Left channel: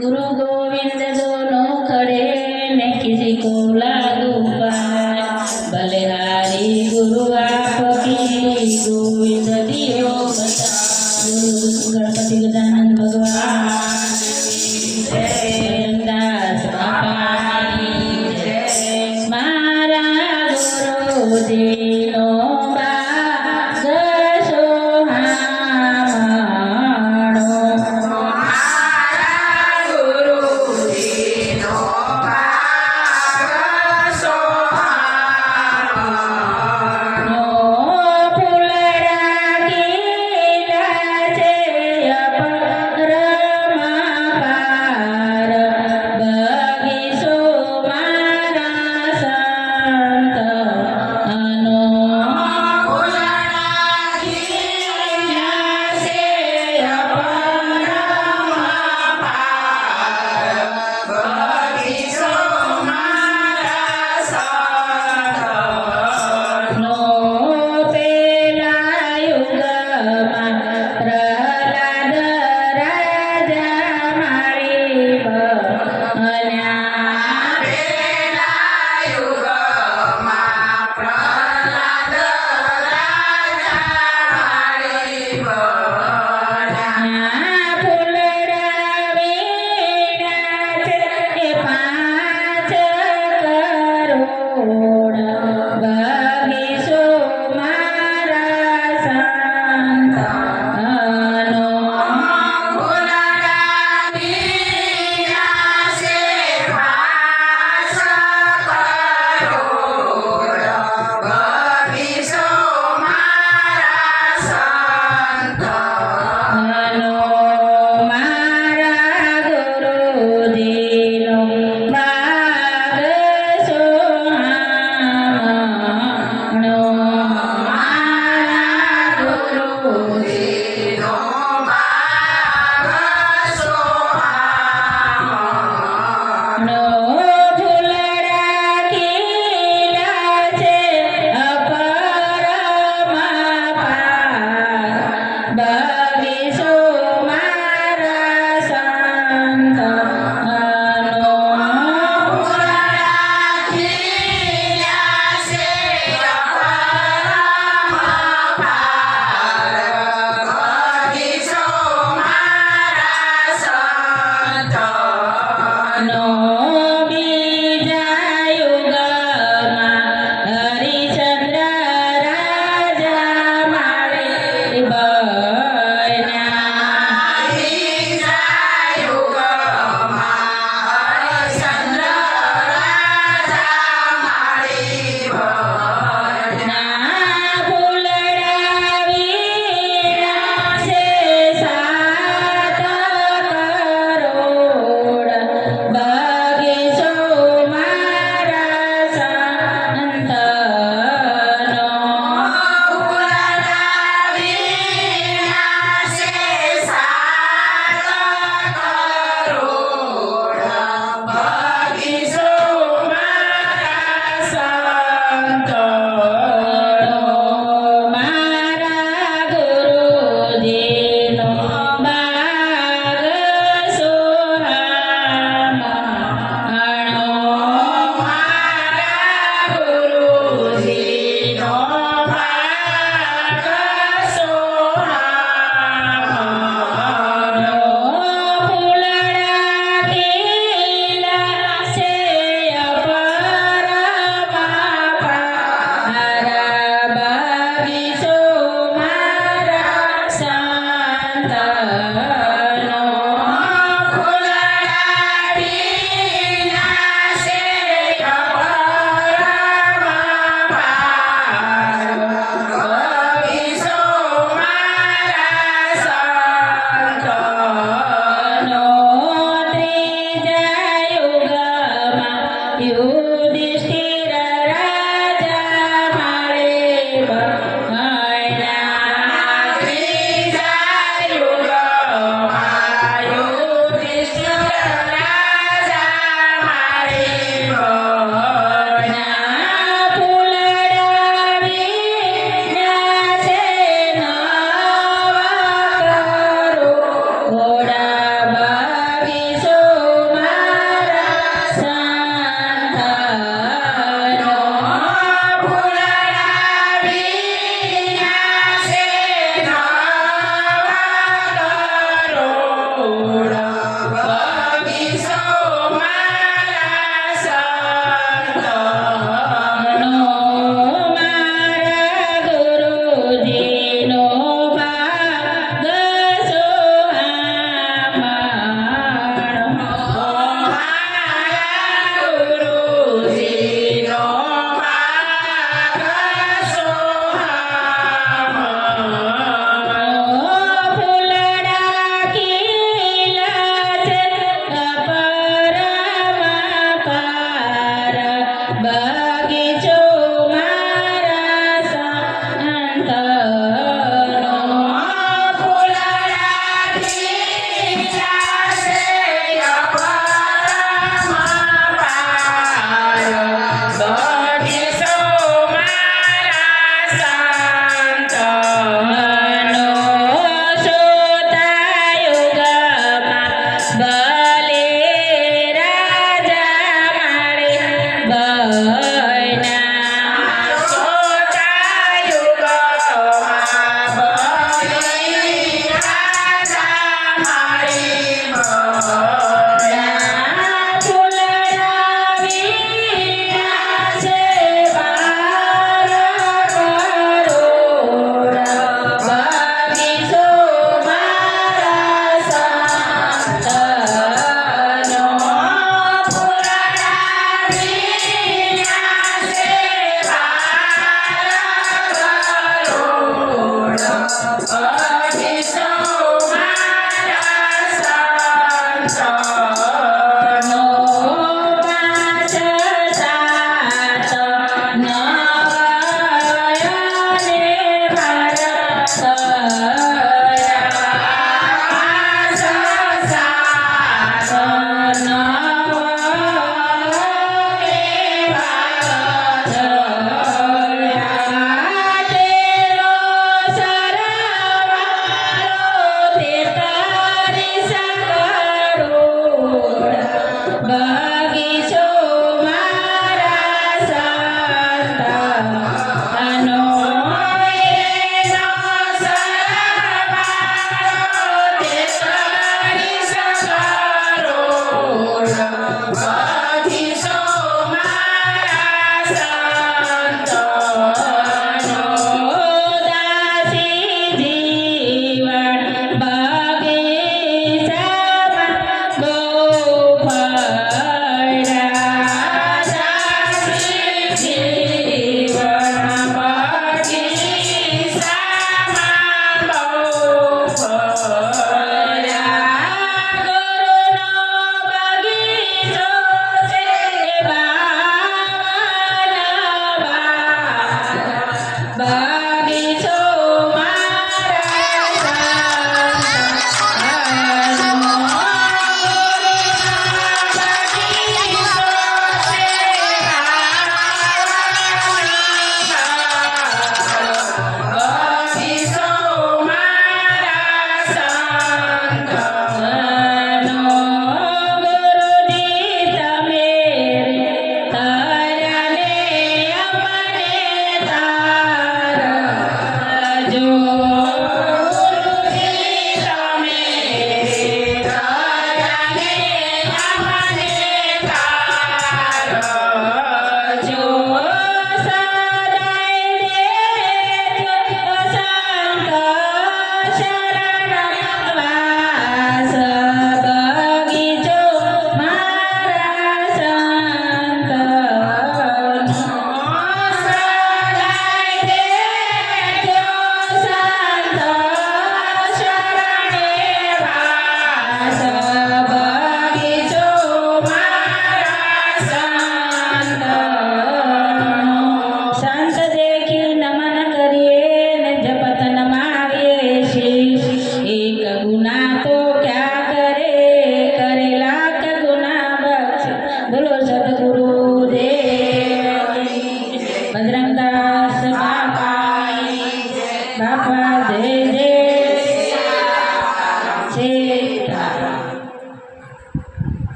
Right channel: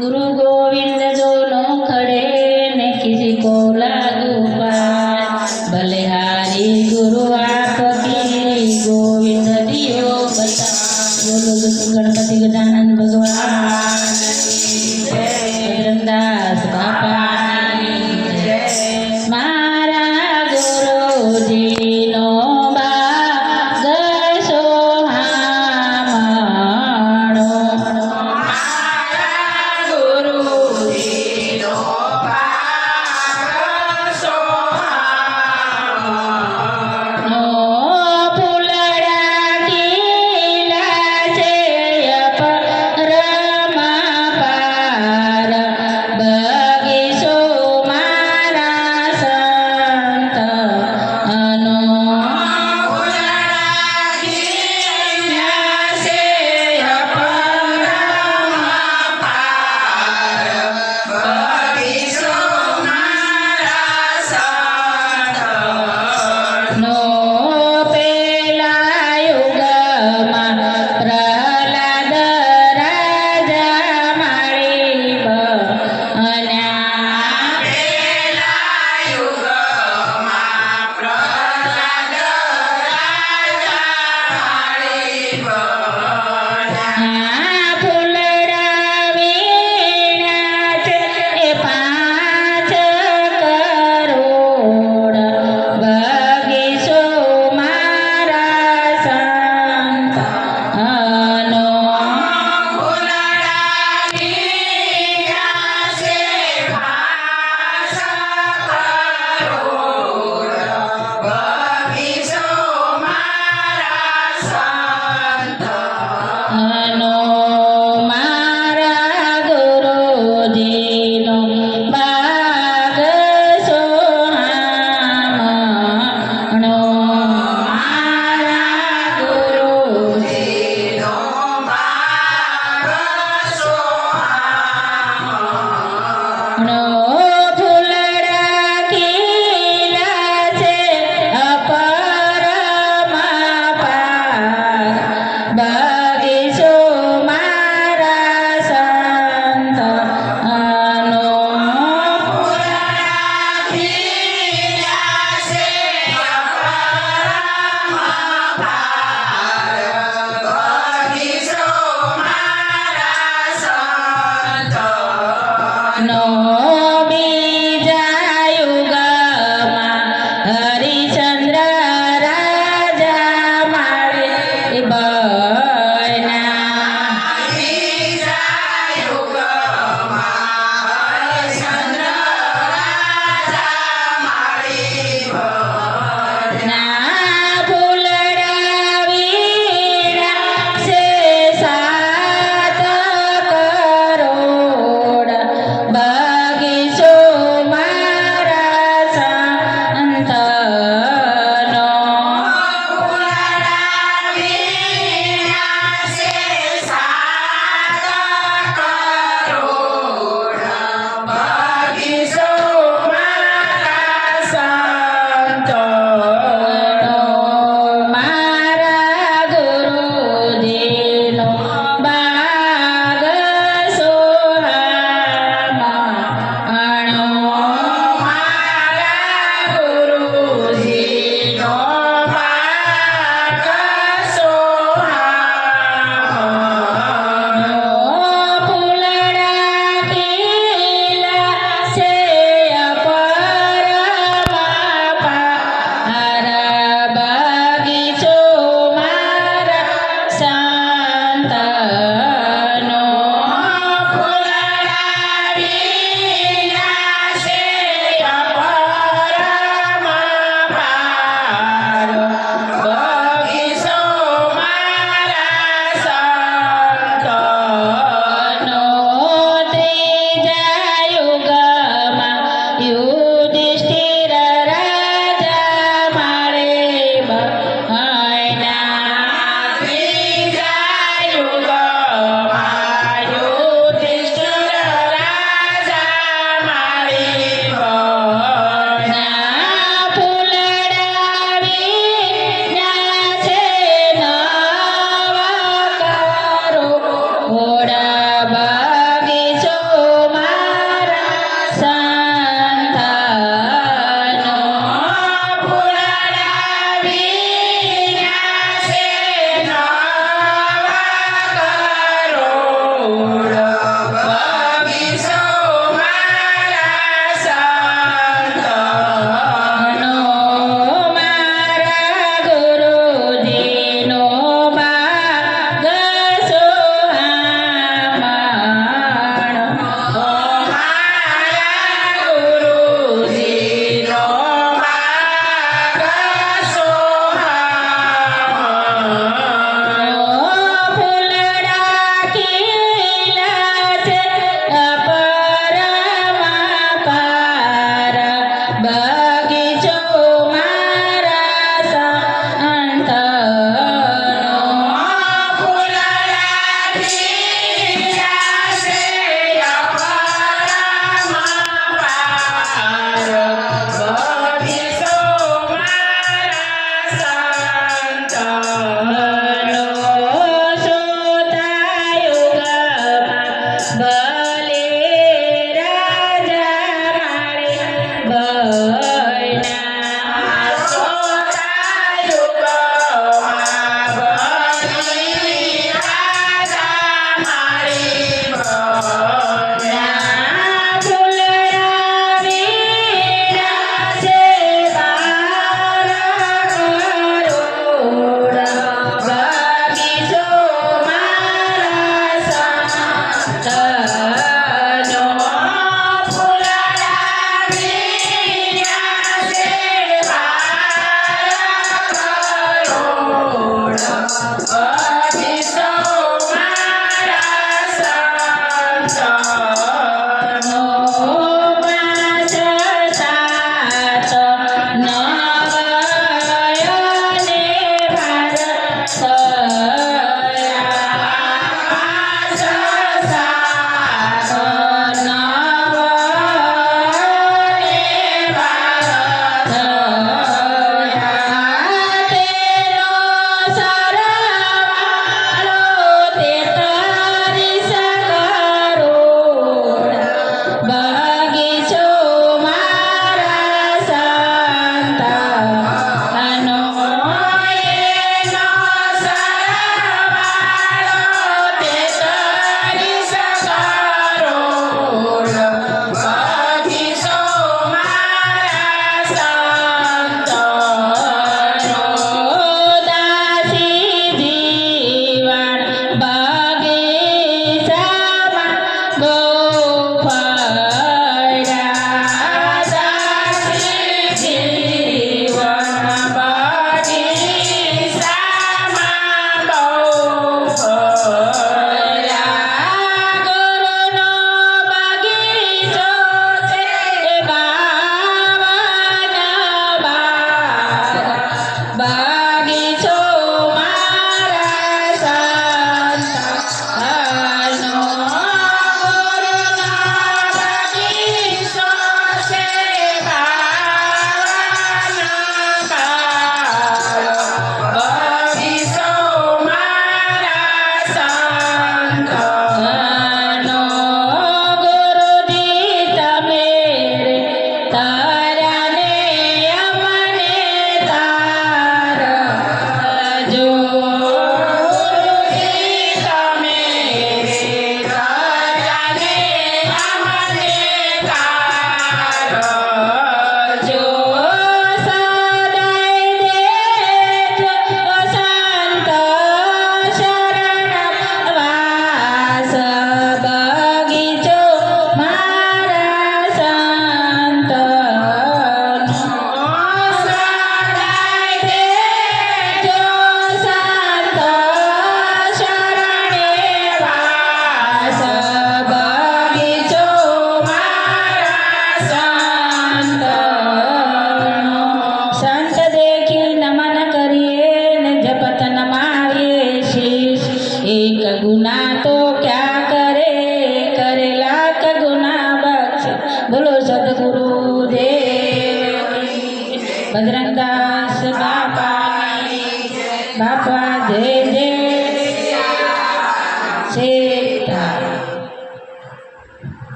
गुरु